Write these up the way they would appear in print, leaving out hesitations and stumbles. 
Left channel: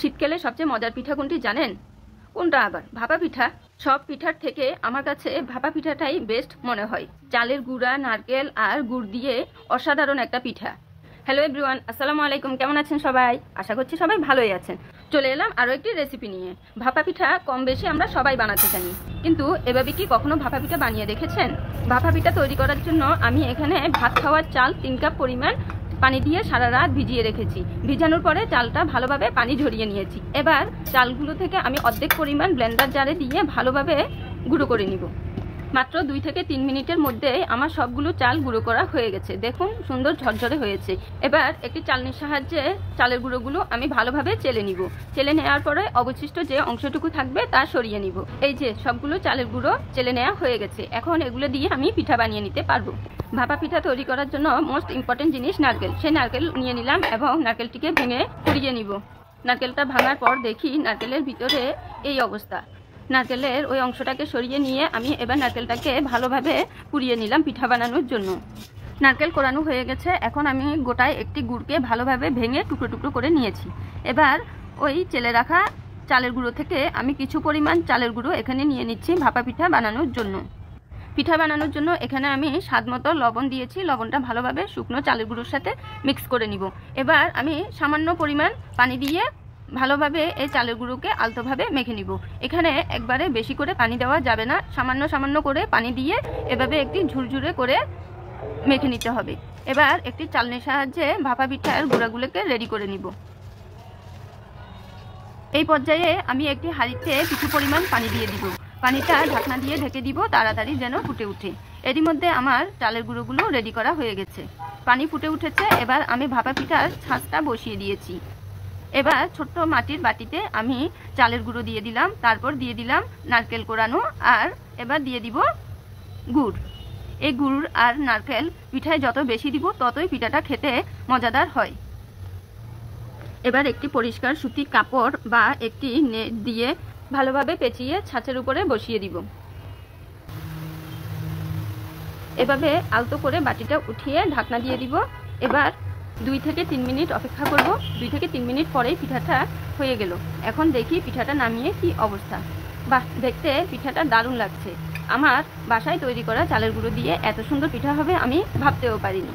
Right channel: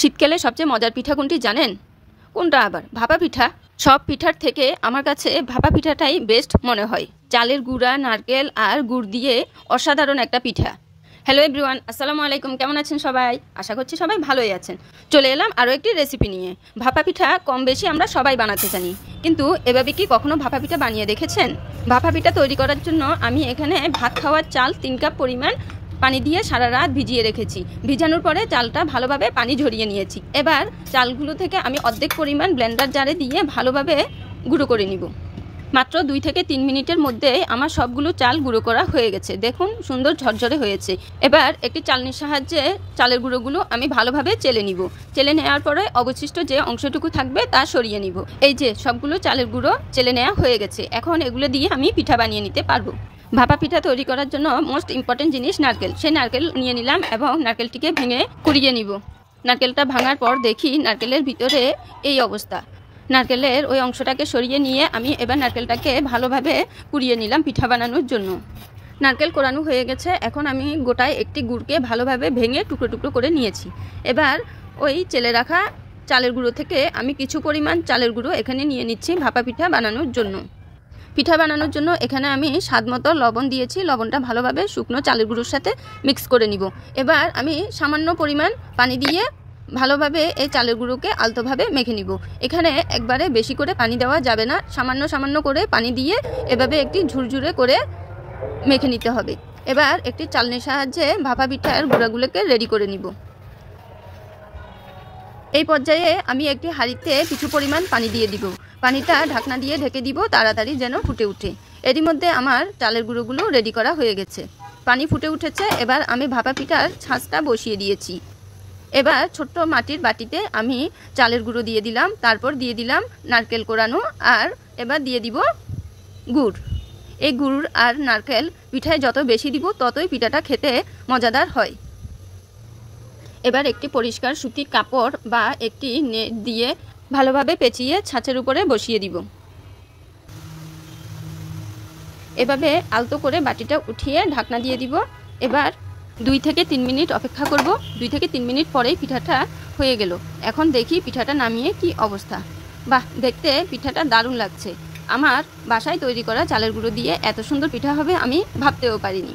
শীতকালে সবচেয়ে মজার পিঠা কোনটি জানেন? কোনটা আবার? ভাপা পিঠা। সব পিঠার থেকে আমার কাছে ভাপা পিঠাটাই বেস্ট মনে হয়। চালের গুঁড়া, নারকেল আর গুড় দিয়ে অসাধারণ একটা পিঠা। হ্যালো এভরিওয়ান, আসসালামু আলাইকুম। কেমন আছেন সবাই? আশা করছি সবাই ভালোই আছেন। চলে এলাম আরও একটি রেসিপি নিয়ে। ভাপা পিঠা কম বেশি আমরা সবাই বানাতে জানি, কিন্তু এভাবে কি কখনো ভাপা পিঠা বানিয়ে দেখেছেন? ভাপা পিঠা তৈরি করার জন্য আমি এখানে ভাত খাওয়ার চাল 3 কাপ পরিমাণ পানি দিয়ে সারা রাত ভিজিয়ে রেখেছি। ভিজানোর পরে চালটা ভালোভাবে পানি ঝরিয়ে নিয়েছি। এবার চালগুলো থেকে আমি অর্ধেক পরিমাণ ব্লেন্ডার জারে দিয়ে ভালোভাবে গুঁড়ো করে নিব। মাত্র 2 থেকে 3 মিনিটের মধ্যে আমার সবগুলো চাল গুঁড়ো করা হয়ে গেছে। দেখুন সুন্দর ঝরঝরে হয়েছে। এবার একটি চালনির সাহায্যে চালের গুঁড়োগুলো আমি ভালোভাবে চেলে নিব। চেলে নেওয়ার পরে অবশিষ্ট যে অংশটুকু থাকবে তা সরিয়ে নিব। এই যে সবগুলো চালের গুঁড়ো চেলে নেওয়া হয়ে গেছে। এখন এগুলো দিয়ে আমি পিঠা বানিয়ে নিতে পারবো। ভাপা পিঠা তৈরি করার জন্য মোস্ট ইম্পর্টেন্ট জিনিস নারকেল। সেই নারকেল নিয়ে নিলাম এবং নারকেলটিকে ভেঙে কুড়িয়ে নিব। নারকেলটা ভাঙার পর দেখি নারকেলের ভিতরে এই অবস্থা। নারকেলের ওই অংশটাকে সরিয়ে নিয়ে আমি এবার নারকেলটাকে ভালোভাবে কুড়িয়ে নিলাম পিঠা বানানোর জন্য। নারকেল কোরানো হয়ে গেছে। এখন আমি গোটায় একটি গুড়কে ভালোভাবে ভেঙে টুকরো টুকরো করে নিয়েছি। এবার ওই চেলে রাখা চালের গুঁড়ো থেকে আমি কিছু পরিমাণ চালের গুঁড়ো এখানে নিয়ে নিচ্ছি ভাপা পিঠা বানানোর জন্য। পিঠা বানানোর জন্য এখানে আমি স্বাদমতো লবণ দিয়েছি। লবণটা ভালোভাবে শুকনো চালের গুঁড়োর সাথে মিক্স করে নিব। এবার আমি সামান্য পরিমাণ পানি দিয়ে ভালোভাবে এই চালের গুঁড়োকে আলতোভাবে মেখে নিব। এখানে একবারে বেশি করে পানি দেওয়া যাবে না, সামান্য সামান্য করে পানি দিয়ে এভাবে একটি ঝুরঝুরে করে মেখে নিতে হবে। এবার একটি চালনির সাহায্যে ভাপা পিঠার গুঁড়াগুলোকে রেডি করে নিব। এই পর্যায়ে আমি একটি হাঁড়িতে কিছু পরিমাণ পানি দিয়ে দিব। পানিটা ঢাকনা দিয়ে ঢেকে দিব, তাড়াতাড়ি যেন ফুটে উঠে। এরই মধ্যে আমার চালের গুঁড়োগুলো রেডি করা হয়ে গেছে। পানি ফুটে উঠেছে। এবার আমি ভাপা পিঠার ছাঁচটা বসিয়ে দিয়েছি। এবার ছোট্ট মাটির বাটিতে আমি চালের গুঁড়ো দিয়ে দিলাম, তারপর দিয়ে দিলাম নারকেল কোরানো, আর এবার দিয়ে দিব গুড়। এই গুড় আর নারকেল পিঠায় যত বেশি দিব ততই পিঠাটা খেতে মজাদার হয়। এবার একটি পরিষ্কার সুতি কাপড় বা একটি নেট দিয়ে ভালোভাবে পেঁচিয়ে ছাঁচের উপরে বসিয়ে দিব। এভাবে আলতো করে বাটিটা উঠিয়ে ঢাকনা দিয়ে দিব। এবার 2 থেকে 3 মিনিট অপেক্ষা করব। 2 থেকে 3 মিনিট পরেই পিঠাটা হয়ে গেল। এখন দেখি পিঠাটা নামিয়ে কি অবস্থা। বাহ, দেখতে পিঠাটা দারুণ লাগছে। আমার বাসায় তৈরি করা চালের গুঁড়ো দিয়ে এত সুন্দর পিঠা হবে আমি ভাবতেও পারিনি।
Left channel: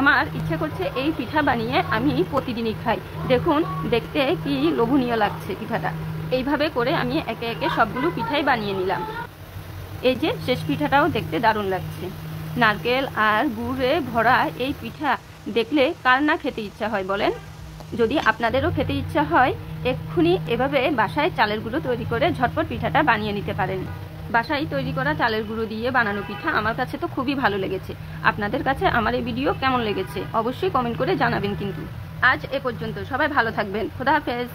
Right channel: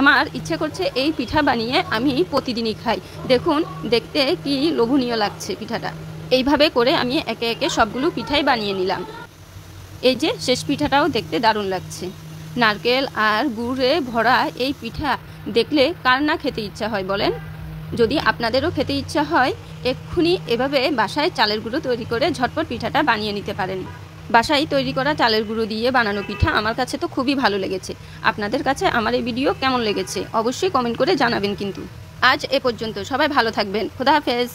আমার ইচ্ছে করছে এই পিঠা বানিয়ে আমি প্রতিদিনই খাই। দেখুন দেখতে কি লোভনীয় লাগছে পিঠাটা। এইভাবে করে আমি একে একে সবগুলো পিঠাই বানিয়ে নিলাম। এই যে শেষ পিঠাটাও দেখতে দারুণ লাগছে। নারকেল আর গুড়ে ভরা এই পিঠা দেখলে কার না খেতে ইচ্ছা হয় বলেন? যদি আপনাদেরও খেতে ইচ্ছা হয়, এক্ষুনি এভাবে বাসায় চালের গুঁড়ো তৈরি করে ঝটপট পিঠাটা বানিয়ে নিতে পারেন। বাসায় তৈরি করা চালের গুঁড়ো দিয়ে বানানো পিঠা আমার কাছে তো খুবই ভালো লেগেছে। আপনাদের কাছে আমার এই ভিডিও কেমন লেগেছে অবশ্যই কমেন্ট করে জানাবেন। কিন্তু আজ এ পর্যন্ত, সবাই ভালো থাকবেন। খোদা হাফেজ।